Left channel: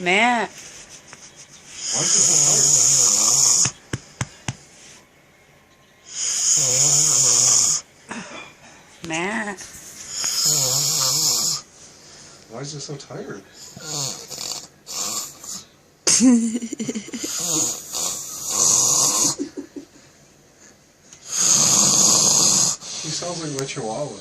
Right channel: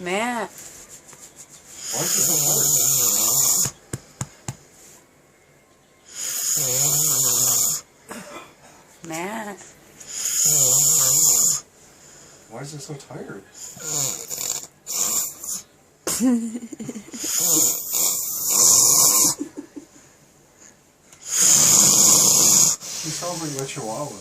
Matt. Why is it so tired? Matt. Why is it so tired? He sounds like my chihuahua.